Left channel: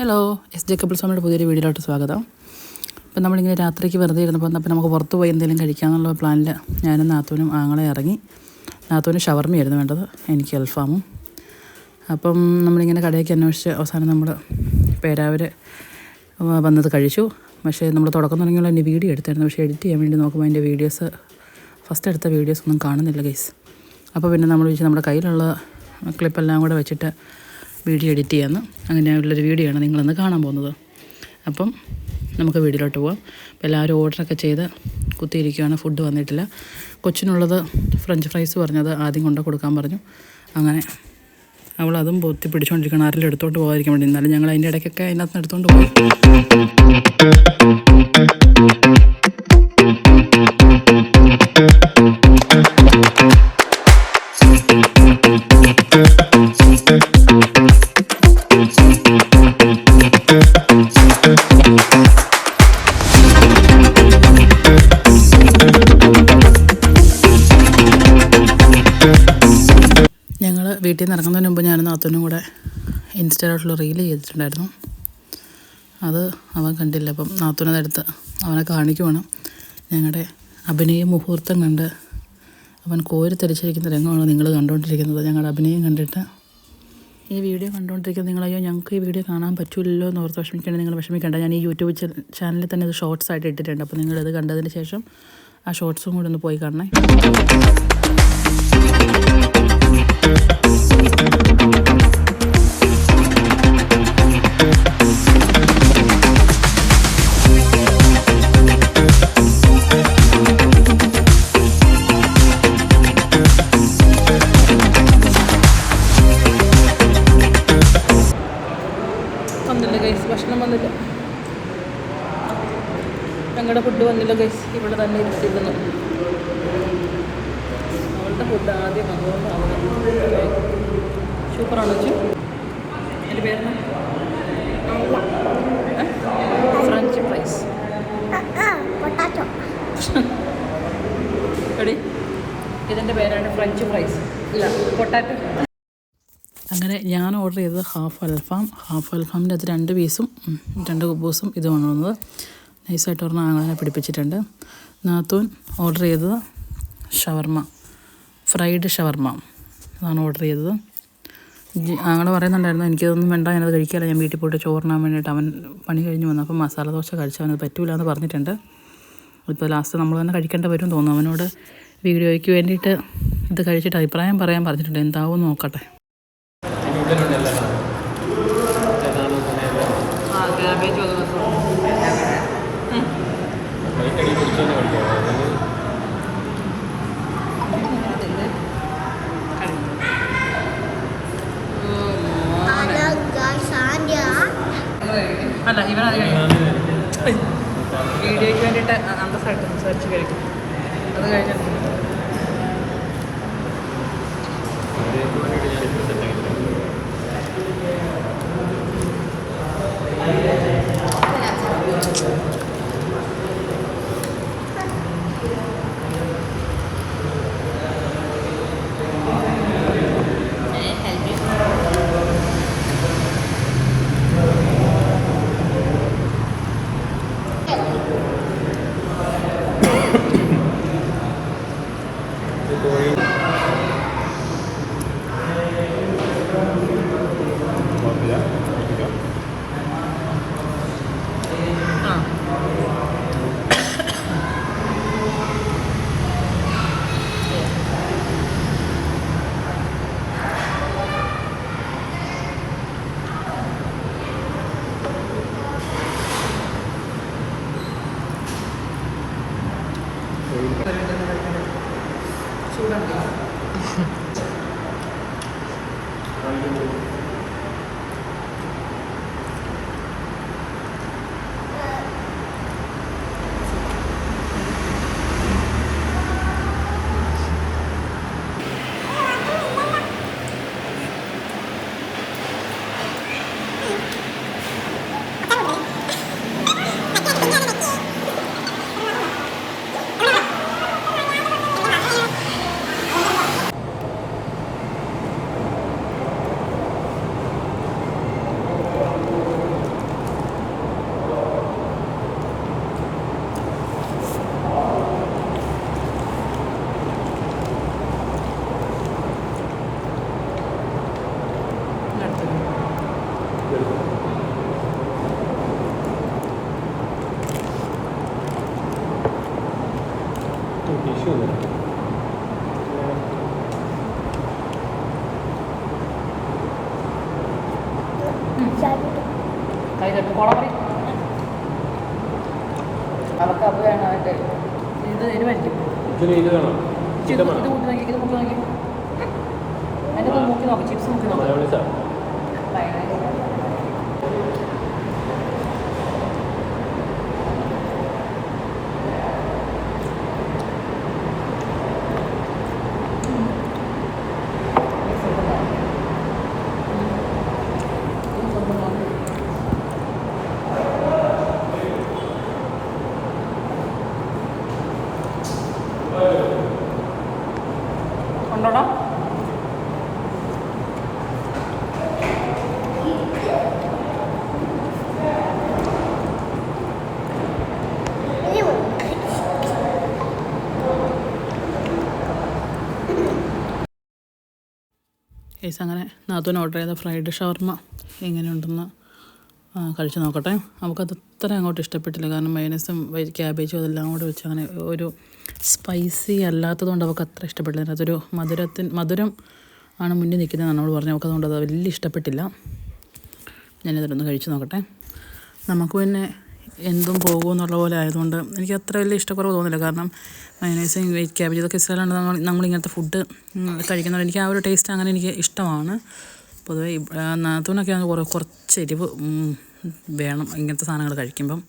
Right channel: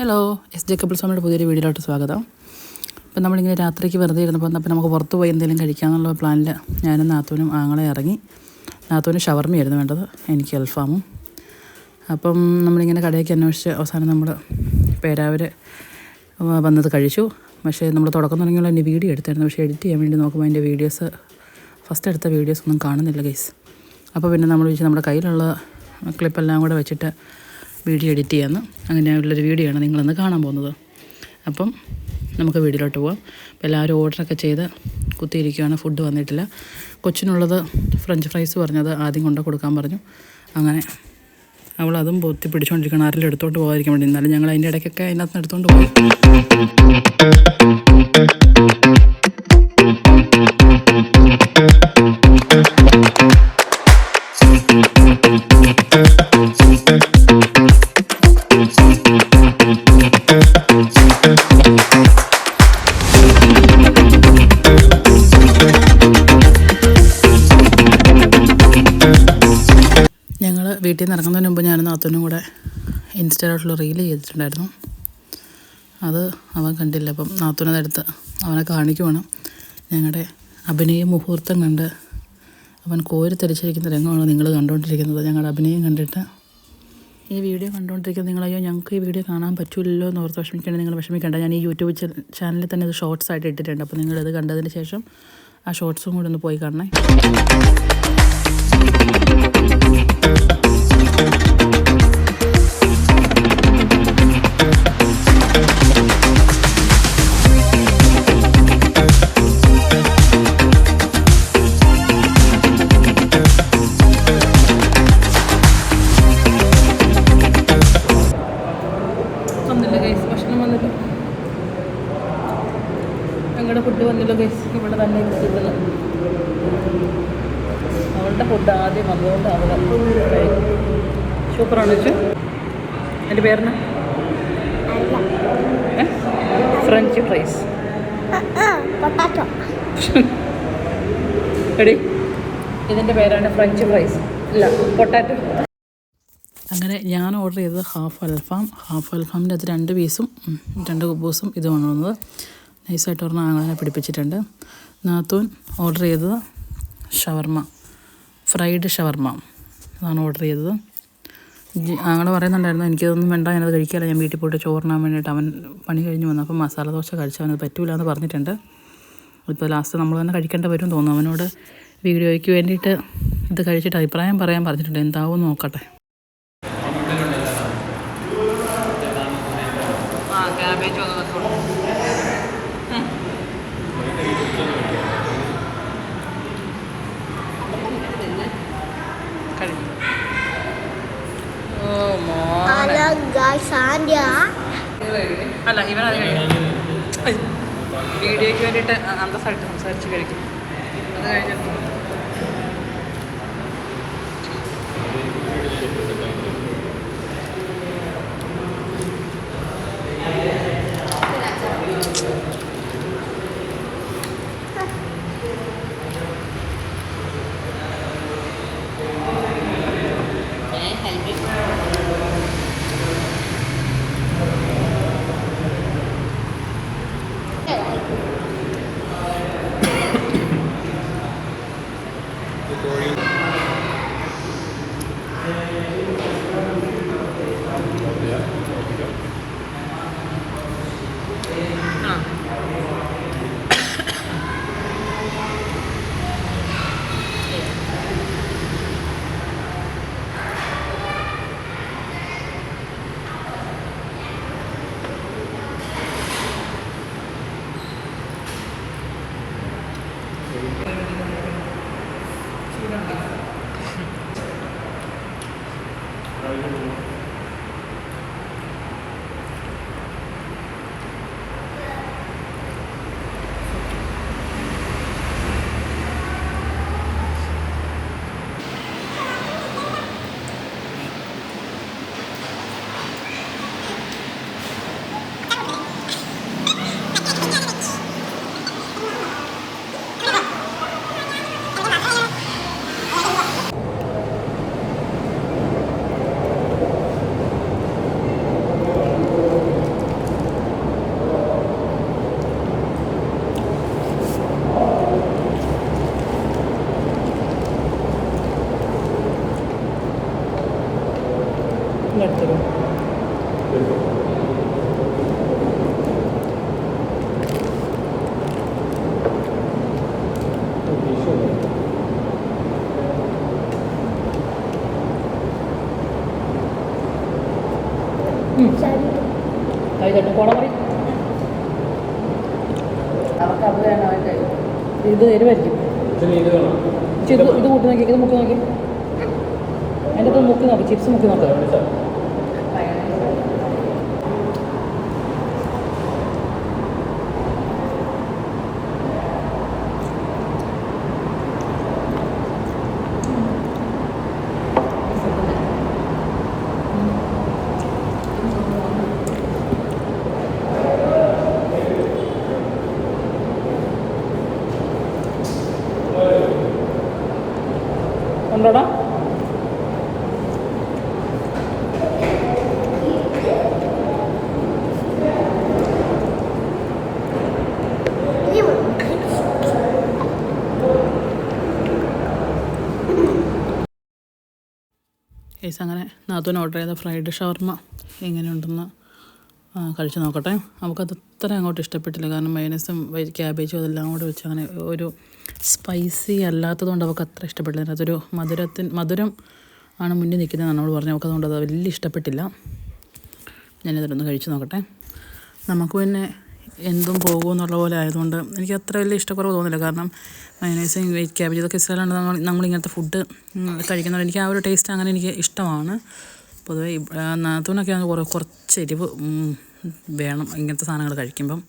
Hello, S J couple സ്വാമിയുടെ പുതിയൊരു വീഡിയോയിലോട്ട് സ്വാഗതം. അപ്പം നമ്മളിങ്ങനെ രാത്രിക്ക് വെറുതെ ഇരുന്നപ്പോൾ അപ്പം നമുക്ക് പുറത്ത് പോയി എന്തെങ്കിലും കഴിക്കാമെന്നുള്ള പ്ലാനിൽ ഞാനും നാത്തൂനും ആങ്ങളെ ഇറങ്ങി. നാത്തൂന് ഷവർമ്മയായിരുന്നു വേണ്ടത്, എനിക്ക് അൽഫാമും. അപ്പം നമ്മളിങ്ങനെ കടയ്ക്ക് അന്വേഷിച്ച് അവസാനം നമ്മൾ പേരാവർ വന്നത് കഴിച്ചു. പക്ഷേ നമ്മൾ തുടക്കം തുടങ്ങിയുള്ള എൻ്റെ വീഡിയോ എടുത്തായിരുന്നു. പക്ഷേ എഡിറ്റ് ചെയ്യാൻ വേണ്ടി നോക്കുമ്പോൾ അതിൻ്റെ വീഡിയോസ് ഫസ്റ്റ് എടുത്ത വീഡിയോസ് ഒന്നും കാണുന്നില്ല ഗൈസ്. അപ്പോൾ പിന്നെ നമ്മൾ വിളിച്ച് നമ്മുടെ കയ്യിലുള്ള ക്ലിപ്പെല്ലാം കൂടെ വെച്ചിട്ട് വീഡിയോ എഡിറ്റ് ചെയ്യാമെന്ന്. അങ്ങനെയുള്ളൊരു വീഡിയോ ആണ് നിങ്ങളൊന്ന് കാണാൻ പോകുന്നത്. അപ്പം നമുക്ക് വീഡിയോയിലോട്ട് പോകാം. അപ്പോൾ എല്ലാവരും ഓർഡറൊക്കെ ചെയ്ത് കുത്തിയിരിക്കുകയാണ്, ഫുഡ് വന്നിട്ടില്ല. കൊച്ചിനുള്ളത് ഫ്രഞ്ച് ഫ്രൈസ് പറഞ്ഞത് ആദ്യം കൊണ്ട് കൊടുക്കാൻ പറഞ്ഞു. അങ്ങനെ അവളതും പൊത്തി പിടിച്ചുകൊണ്ടിരിക്കണം, ആരെങ്കിലും എടുത്തോണ്ട് പോകാതിരിക്കാൻ വേണ്ടി. എന്നാലും ഞങ്ങൾ അതിൻ്റെ ഇടയ്ക്കൊക്കെ അതിനകത്ത് നിന്ന് എടുത്തുകൊണ്ട് പോയി. ഞങ്ങൾ വീട്ടിൽ നിന്ന് ഇറങ്ങുന്നതിന് മുമ്പ് ഞാനും നാത്തൂനും കൂടെ ഇൻസ്റ്റയിലോട്ടുള്ള റീൽ ചെയ്തിട്ടുണ്ടായിരുന്നു. അത് അവൻ കണ്ടില്ല. അപ്പം നാത്തൂനതെടുത്ത് അവനെ കാണിക്കുവാണ്. ഞങ്ങളുടെ അഭിനയ മുഹൂർത്തം കണ്ട് അവൻ കോരി തെളിച്ചിരിക്കുന്ന രംഗമാണ് നിങ്ങൾ കണ്ടുകൊണ്ടിരിക്കുന്നത്. ഞങ്ങളുടെ അഭിനയം കണ്ടിട്ട് ഈ വീഡിയോ കണ്ടുകൊണ്ടിരിക്കുന്നത് നിങ്ങളയ്യോ ഞങ്ങൾക്ക് ഈ വീഡിയോ കാണാൻ പറ്റില്ലല്ലോ എന്ന് ഓർത്ത് വിഷമിക്കേണ്ട. നിങ്ങൾ വിഷമിക്കേണ്ട. ഞാൻ ഈ യൂട്യൂബ് ചാനലിൽ തന്നെ ഇത് ഷോർട്സ് ആയിട്ട് ഇട്ടിട്ടുണ്ട്. അപ്പോൾ നിങ്ങളിത് കണ്ടതിന് ശേഷം ആ ഷോർട്സും കൂടെ ഒന്ന് പോയി കാണണേ. വന്നില്ല ഗൈസ്, ഭക്ഷണം വന്നില്ല. ഞങ്ങളുടെ ഫുഡ് വന്നില്ല ഗൈസ്. ഇവിടെ തന്നെ ഇരുത്തിയിരുന്നത് അവളുടെ ഫുഡ് ആദ്യം വന്നതുകൊണ്ട് അവൾ സൂപ്പറാണ് വെച്ചു. എൻ്റെ പേരിന് ഫ്രഞ്ച് ഫ്രൈസ് എടി, ഇതിൻ്റെ പേരാണ് ഫ്രഞ്ച് ഫ്രൈസ്, ഇല്ല പൊട്ടാറ്റോ. അങ്ങനെ ഞാൻ ഓർഡർ ചെയ്തത് ഹാഫ് അൽഫാമിൻ്റെ അത് 2 പീസും 2 കുബൂസും ഇതുമാണ് വന്നത്. നൈസായിട്ട് പറഞ്ഞാൽ ആങ്ങളെ പിടിപ്പിച്ചിട്ടുണ്ട്. നാത്തൂൻ ഓർഡർ ചെയ്തത് ഷവർമ്മ, ഫ്രൈഡ് ഷവർമ്മ അതാണ് ഓർഡർ ചെയ്തത്. ആങ്ങളെ പറയുന്നുണ്ടായിരുന്നു എനിക്കതൊന്നും വേണ്ട, ഞാനത് കഴിക്കാമല്ല, ഞാൻ വീട്ടിൽ പോയിട്ട് ചോറിനാൻ വേണ്ടിയിട്ട്. അവൻ പണി കഴിഞ്ഞ് വന്നപ്പോൾ മസാല ദോശ കഴിച്ചവനത് പറ്റൂല എന്ന് പറഞ്ഞിട്ടുണ്ട്. ഇപ്പോൾ ലാസ്റ്റ് നമ്മൾ തന്നെ കഴിക്കേണ്ട വരും തോന്നുന്നു. അവനോട് വീഡിയോയ്ക്ക് വേണ്ടിയിട്ട് ഇത് കഴിച്ചിട്ട് അഭിപ്രായം പറയാൻ പറഞ്ഞിട്ടുണ്ട്. എന്താവും നോക്കട്ടെ. അല്ല ഇവനത് വീഡിയോയ്ക്ക് വേണ്ടിയിട്ട് അന്തസ്സായിട്ട് സംസാരിച്ച് കഴിക്കും. അത് കഴിഞ്ഞിട്ട് കൈ തട്ടും കോളം പറയും. ഇത് എരിവായിരിക്കും. ഇത് കൂട്ടി നോക്കി, ഇത് മുക്കി നോക്കി, അതിൻ്റെ ഇപ്പം മുക്കി നോക്കാം, ചിപ്സ് മുക്കി നോക്കാം. ഉണ്ടോടാ? കേസ് അങ്ങനെ നാത്തൂന് ഓർഡർ ചെയ്ത ഫ്രൈഡ് ഷവർമ്മ എങ്ങനെയുണ്ടെന്ന് കഴിച്ച് നോക്കട്ടെ. നമുക്കത് അത്ര അങ്ങോട്ട് ഇഷ്ടപ്പെട്ടില്ല. കാരണം മയോനൈസും ക്യാബേജും അതെല്ലാം കൂടെ വെച്ച് അങ്ങനെ ഒരു സ്പൈസി അല്ലാത്തതുകൊണ്ട് അവൾക്ക് അത്ര ഇഷ്ടപ്പെട്ടില്ല. അതൊരു മധുരം ആണ് മുന്നിൽ നിൽക്കുന്നത് നമ്മൾ പറഞ്ഞു. അവൾക്ക് അതുകൊണ്ട് അത് വലിയ ഇഷ്ടപ്പെട്ടില്ല. ഞാനിതൊന്ന് കഴിച്ച് നോക്കട്ടെ. നമുക്ക് പിന്നെ എന്തും പോകുമെന്നുള്ള പോലെ ആയതുകൊണ്ട് എനിക്ക് അത്ര വലിയ ഇഷ്ടക്കുറവ് തോന്നില്ല. കാരണം മയോനൈസും ക്യാബേജ് ഇതൊക്കെ ഇഷ്ടമല്ലാണ്ട് നമ്മളിങ്ങനത്തെ ഫുഡ് കഴിക്കുന്നതുകൊണ്ട് എനിക്ക് ആ ഒരു ടേസ്റ്റ് അങ്ങനെ എനിക്ക് ഇഷ്ടമാണ്. പൊതുവേ നാത്തൂനൊക്കെ കുറച്ച് എരിവ് വേണം ഇങ്ങനത്തെ സാധനങ്ങൾ കഴിക്കുമ്പം.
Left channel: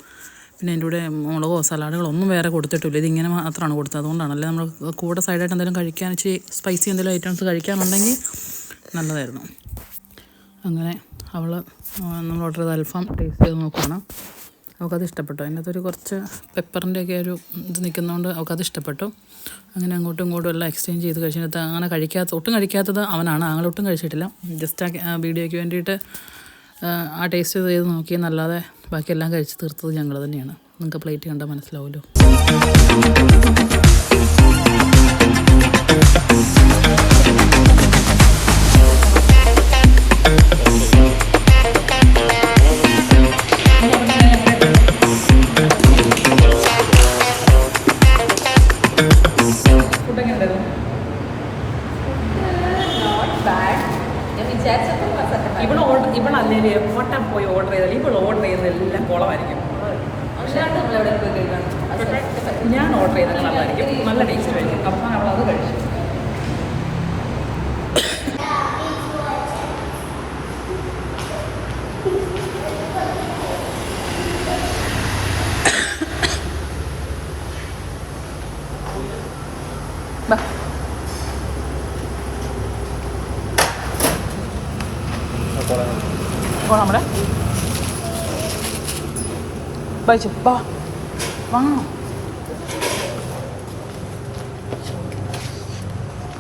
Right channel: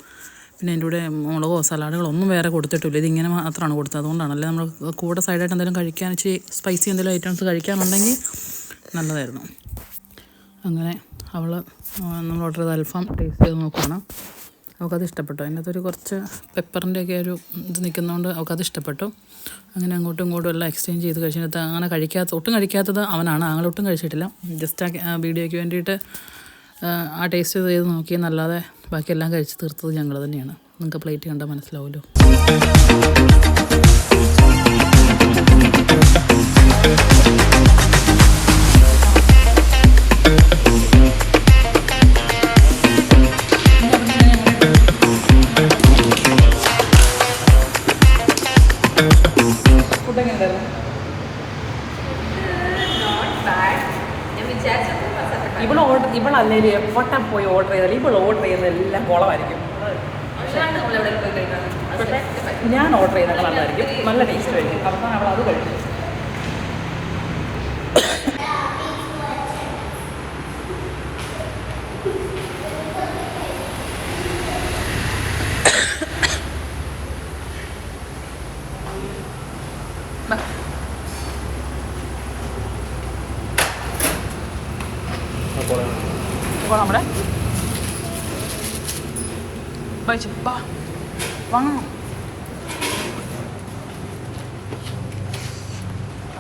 പിന്നെ എൻ്റെ കൂടെ മുളകോ സലാഡുകളോ ഒന്നും വേറെ കൊടുത്തിട്ടില്ല. ഇതിങ്ങനെ മാത്രമാണ് കൊടുത്തത്. അതുകൊണ്ടാണല്ലേ നമ്മൾ കൂടെ സൈഡായിട്ട് എന്തെങ്കിലും കഴിക്കാൻ ഇച്ചിരി സ്പൈസി എന്തെങ്കിലും ഐറ്റംസ് കഴിക്കാനുണ്ടെങ്കിൽ നല്ലതായിരുന്നു. അങ്ങനെ നമ്മൾ ഓർഡർ ചെയ്ത അൽഫാം ടേസ്റ്റ് ചെയ്ത് നോക്കുകയാണ്. അവൾക്കത് ഇഷ്ടപ്പെട്ടു. അതിനകത്തൊരു കുറച്ച് പെപ്പറിൻ്റെയൊക്കെ ഒരു ഇത് നിൽക്കുന്നതുകൊണ്ട് അവൾക്കത് ഇഷ്ടപ്പെട്ടു. അങ്ങനെ അങ്ങോട്ടും ഇങ്ങോട്ടും എല്ലാം എക്സ്ചേഞ്ച് ചെയ്ത് കഴിച്ചിട്ട് അങ്ങനെ ഒട്ടും കഴിക്കാത്തത് അവനാണ്. ആങ്ങളൊട്ടും കഴിച്ചിട്ടില്ല. ജസ്റ്റ് ആ വീഡിയോയ്ക്ക് വേണ്ടിയിട്ട് ആ ടേസ്റ്റ് ചെയ്ത് നോക്കിയെന്നല്ലാതെ ബാക്കിയെല്ലാം കഴിച്ച് തീർത്തത് ഞങ്ങൾ തന്നെയാണ്. നിങ്ങൾക്ക് പ്ലേറ്റ് കണ്ടാൽ മനസ്സിലാവുമല്ലോ. ഇവളല്ലേലും എവിടെ പോയി ഓർഡർ ചെയ്താലും ഇവൾ ഓർഡർ ചെയ്യുന്നതെല്ലാം കുളമായിരിക്കും. ഞാൻ ഓർഡർ ചെയ്തൊക്കെ നല്ലതായിരിക്കും, നല്ല ടേസ്റ്റ് ആയിരിക്കും. അവസാനം അവൾ അത് കഴിച്ചു. നമ്മുടെ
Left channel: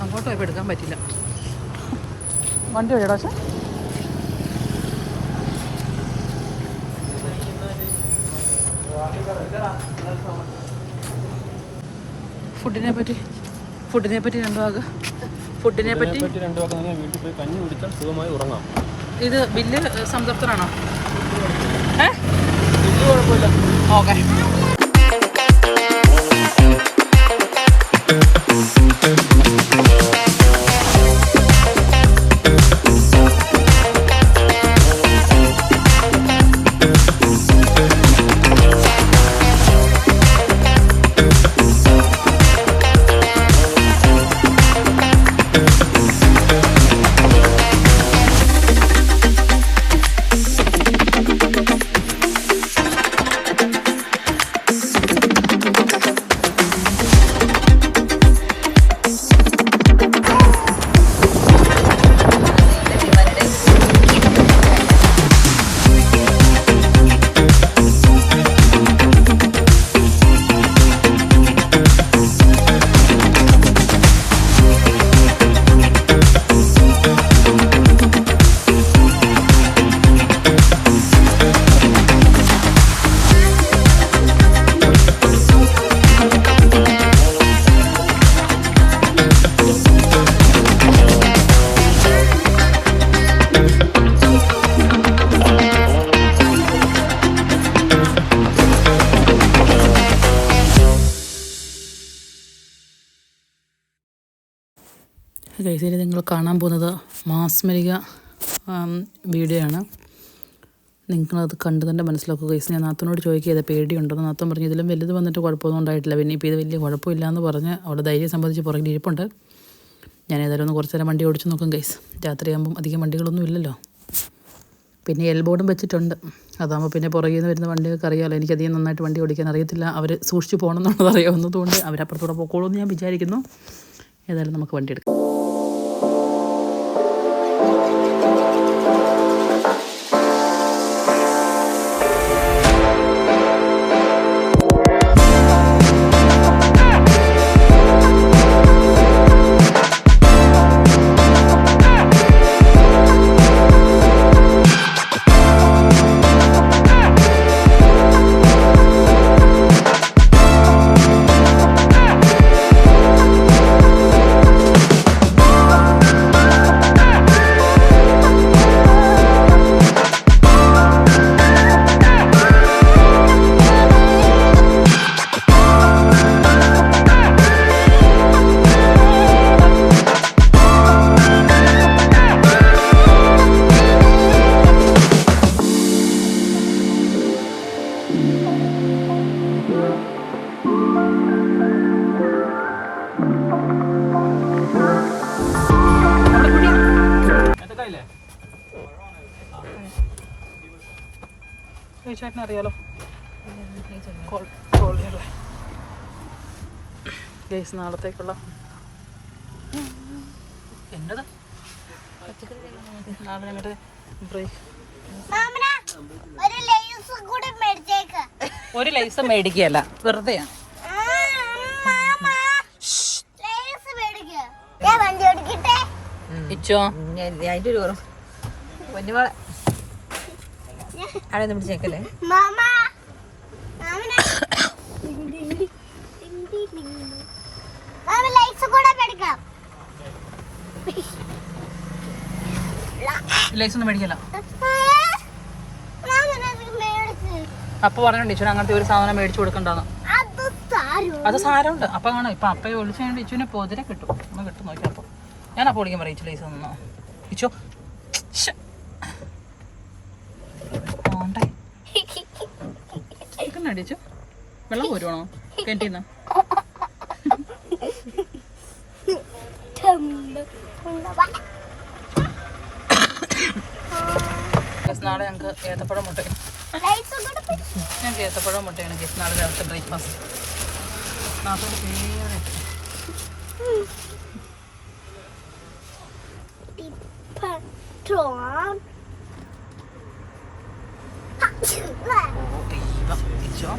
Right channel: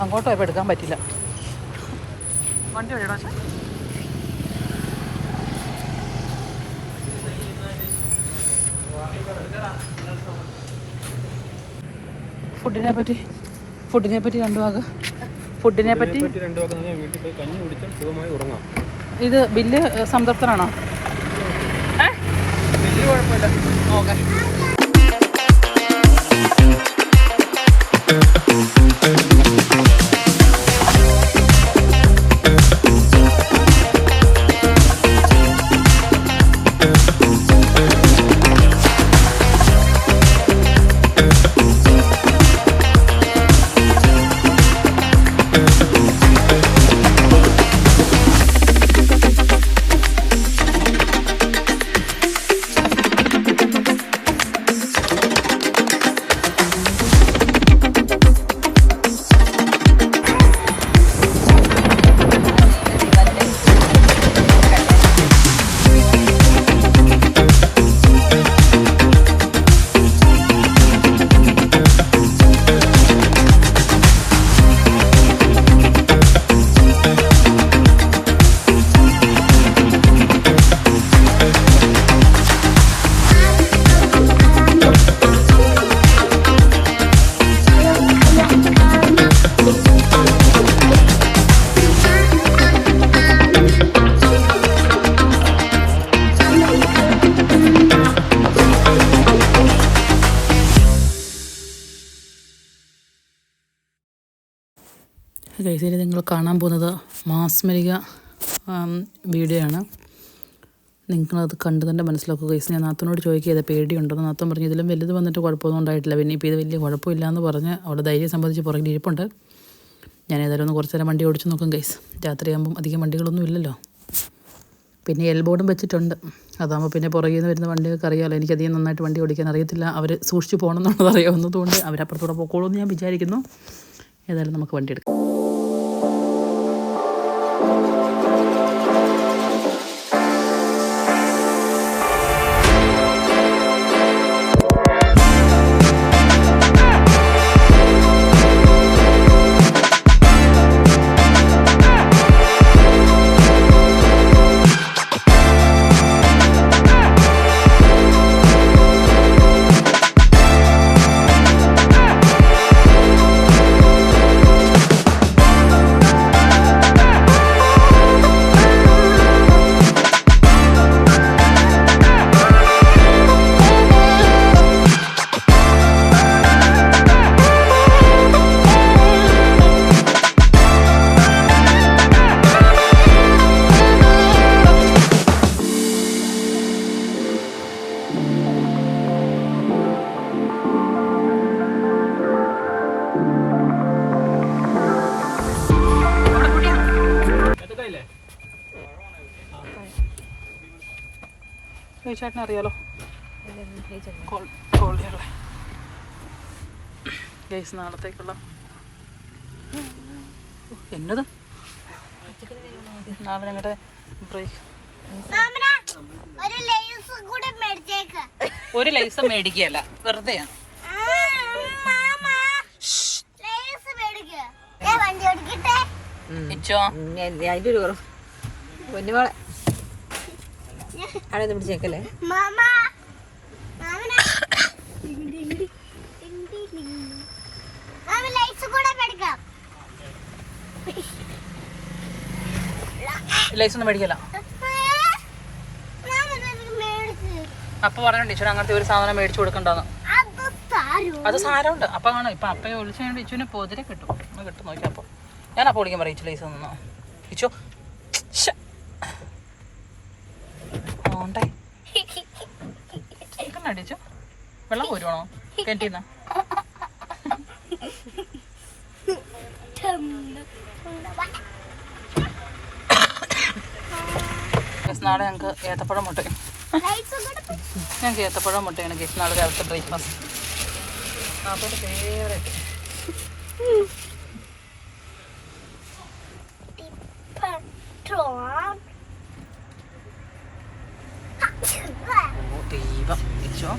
അങ്ങോട്ട് പോയപ്പോൾ എടുക്കാൻ പറ്റില്ല. വണ്ടി വഴിയടാ. പക്ഷേ ഫുഡിനെ പറ്റി രണ്ടു വാക്ക്. ഫുഡിനെ പറ്റി വീട്ടിൽ പോയി കഞ്ഞി കുടിച്ചാൽ സുഖമായി ഉറങ്ങാം. ഇത് ബില്ല് സംതൃപ്തനാണോ? കുഴപ്പമില്ല. ഓക്കെ. ഗൈസിൽ നിങ്ങൾ കാണാൻ പോകുന്നത് മാസ്മരിക വീഡിയോ ആണ്. നിങ്ങളത് കണ്ട് തന്നെ മനസ്സിലാക്കുക ഗൈസ്. ഞാൻ നാത്തനോട് ചോദിക്കുക പേടിയുണ്ടെന്ന്. നാത്തൻ പറഞ്ഞു ഇതിലും വലുത് വന്നിട്ട് കുഴപ്പമൊന്നും ഉണ്ടായിട്ടില്ല, പിന്നെ ഇപ്പോൾ ഇത് വലിയ കുഴപ്പമില്ല എന്ന് പറഞ്ഞ് അവിടെ ധൈര്യം സംബന്ധിച്ച് പുറകിൽ ഇരിപ്പുണ്ട്. ഞാൻ ഏതായാലും ഒന്ന് കുറച്ച് നേരം വണ്ടി ഓടിച്ച് നോക്കും ഗൈസ്. രാത്രിയാകുമ്പം അധികം വണ്ടികളൊന്നും ഇല്ലല്ലോ. പിന്നെ എൽബോർഡും വെച്ചിട്ടുണ്ട്, അതാകുമ്പോൾ പിന്നെ പുറകിൽ നിന്ന് വരുന്ന വണ്ടികൾക്ക് അറിയാമല്ലോ. എനിക്കധികം നന്നായിട്ട് വണ്ടി ഓടിക്കാൻ അറിയത്തില്ല, അവർ സൂക്ഷിച്ച് പോകണം എന്നുള്ളത് അറിയാവുന്നതുകൊണ്ട് അവരപ്പുറത്തൂടെ പോക്കോളൂ എന്ന് ഞാൻ വിചാരിക്കുന്നു. ഏതായാലും നമുക്ക് വണ്ടി എടുക്കാം. ചേട്ടനെ അറിയാലോ, ഗൈസ് നാളത്തേക്കുള്ള എന്നത് നാളെ ബ്രേക്ക് ഒരു ലൈസ് മേടിക്കുകയല്ല, വെറുതെയാണ്. അവിടെ പിടിച്ചേക്കല്ലേ ലൈസ് ഒന്നും മേടിക്കല. അപ്പൊ പറഞ്ഞു ടീച്ചർ അങ്ങനത്തെ ഒരു സാധനം മേടിച്ചു കൊടുക്കണ്ടെന്ന്. അത് സാരമുണ്ട്. അപ്പൊ കാണാം ഇപ്പൊ അപ്പയെ ഒളിച്ചുകൊണ്ട് ഇച്ചുവിനെ പോതിരെ കിട്ടും, ഒന്ന് കിട്ടും നോക്കി. അപ്പൊ ഞാൻ അപ്പൊ വിളിക്കാൻ പറയും ലൈസ് തന്നോ ഇച്ചോ. അടിച്ചു വെള്ളം പോരുവാണോ കിണറ്റിന്ന്? നാളെ ഞങ്ങൾക്ക് ഏത്തപ്പഴം മുട്ടയും ഞങ്ങൾക്ക് ഏത്തപ്പഴം മുട്ടയാണ് ഗീസ് നാളെ രാവിലത്തെ ബ്രേക്ക്ഫാസ്റ്റ്. ദൈവം ഇച്ചോ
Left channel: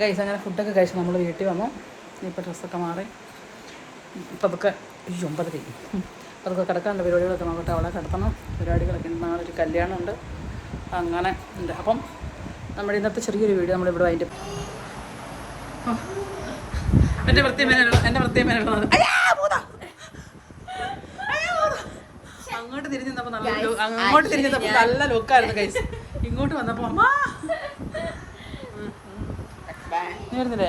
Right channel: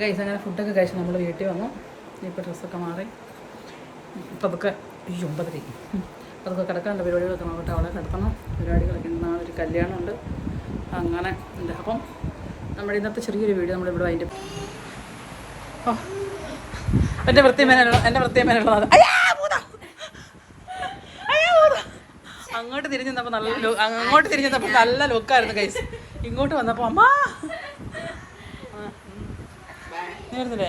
ഗൈസ് അങ്ങനെ ഫുഡൊക്കെ കഴിച്ച് നമ്മൾ വീട്ടിൽ വന്നു. ഇപ്പോൾ ഡ്രസ്സൊക്കെ മാറി ഇപ്പം അതൊക്കെ 9:30 അപ്പോൾ അതൊക്കെ കിടക്കാനുള്ള പരിപാടികളൊക്കെ നോക്കട്ടെ. അവളെ കിടത്തണം. പരിപാടികളൊക്കെ ഉണ്ട്. നാളെ ഒരു കല്യാണമുണ്ട്. അങ്ങനെ ഉണ്ട്. അപ്പം നമ്മുടെ ഇന്നത്തെ ചെറിയൊരു വീഡിയോ നമ്മളിവിടെ അതിൻ്റെ എൻ്റെ വൃത്തിയമേനുള്ള അങ്ങോട്ട് തിരിഞ്ഞ് നിന്നപ്പോൾ നല്ല ലുക്കായിരുന്നു ഗൈസ്. ഇങ്ങോട്ട് വന്നപ്പോൾ അമ്മ വരുന്നില്ലേ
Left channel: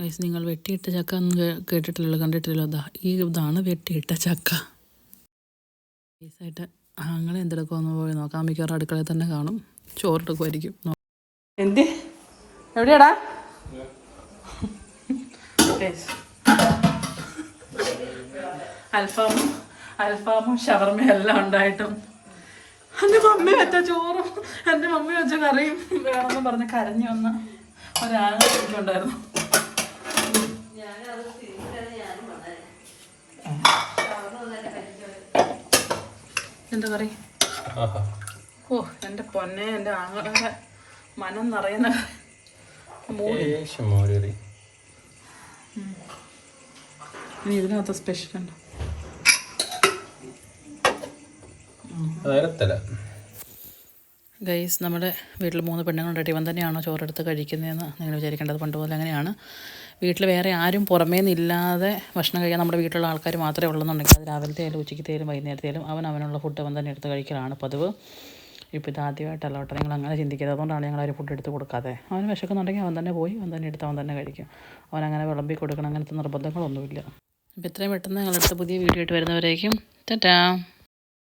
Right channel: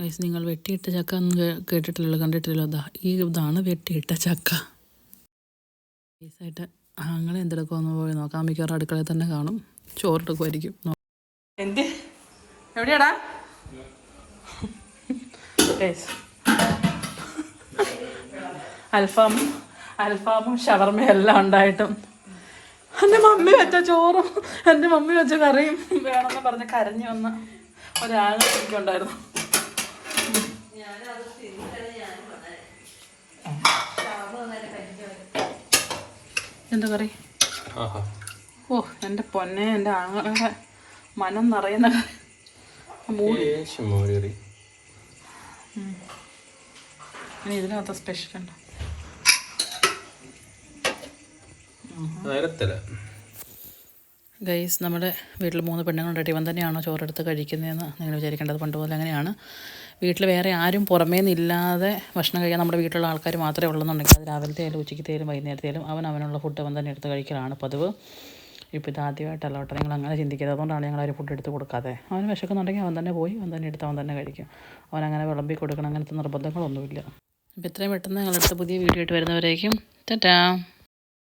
ഗൈസ്. നിങ്ങൾ വെട്ടിയിട്ട ചക്ക ഒന്നും കേട്ടിട്ടില്ലല്ലോ, കണ്ടിട്ടില്ലല്ലോ. ഇതാണ് വെട്ടിയിട്ട ചക്ക. ഗൈസായിട്ട് അങ്ങനെ എന്തെടുക്കുക ഒന്ന് പോയി നോക്കാം. മിക്കവാറും അടുക്കളയിൽ തന്നെ കാണും. ചോറെടുക്കുമായിരിക്കും. എന്ത് എവിടെയാടാ അൽഫാമും ഷവർമയും എല്ലാം ഉണ്ടായിട്ടും എൻ്റെ മമ്മി വെച്ച ചോറും എൻ്റെ മമ്മി വെച്ച കറിയും വേണമെന്ന് പറഞ്ഞ് കരഞ്ഞു വന്ന ഒരാൾ എനിക്കുണ്ടായിരുന്നു. എന്താ കറി? ഓ എൻ്റെ പൊന്നെ, എൻ്റെ ആങ്ങളുടെ മനം നിറയുന്ന മോര്. ഇനി ഇതിനകത്ത് സ്പെഷ്യൽ ഉണ്ടോ? ഗൈസ്, നമ്മുടെ വീട്ടിൽ 3 പെണ്ണുങ്ങളുണ്ടായിട്ട് ഇവൻ തന്നെയാണോ ചോറെടുത്ത് കഴിക്കുന്നതെന്ന് നിങ്ങൾ വിചാരിക്കേണ്ടത്. പണ്ടുപോലെ അങ്ങനെയാണ്. വീട്ടിൽ വേറെ ആരും പുറമേ നിന്നില്ലാതെ ഭക്ഷണം കഴിക്കാൻ നമ്മുടെ വീട്ടിലുള്ള ആൾക്കാർ മാത്രമേ ഉള്ളെന്നുണ്ടെങ്കിൽ അത് രാവിലത്തേലും ഉച്ചയ്ക്കത്തേലും വൈകുന്നേരത്തേലും അവനുള്ള ഫുഡ് അവൻ തന്നെ എടുത്ത് കഴിക്കലാണ് പതിവ്. ഇപ്പോൾ ഇത് ആദ്യമായിട്ടല്ല കേട്ടോ, നിങ്ങൾ അങ്ങനെ ചിന്തിക്കരുത്. അതുകൊണ്ടാണ് ഞങ്ങൾ ആരും ഫുഡ് എടുത്ത് കൊടുക്കാതെ. അവന് വിശക്കുന്നുണ്ടെങ്കിൽ അവൻ തന്നെ പോയി അവൻ തന്നെ എടുത്ത് അവൻ തന്നെ കഴിക്കും. അവനങ്ങനെ വിളമ്പി കൊടുക്കണം, അങ്ങനത്തെ നിർബന്ധങ്ങളൊന്നുമില്ല. അപ്പോൾ ഇത്രയും പെട്ടെന്ന് ഞങ്ങളടുത്ത് പുതിയ വീഡിയോ ആയിട്ട് വരുന്നവരേക്കും ടാറ്റാ.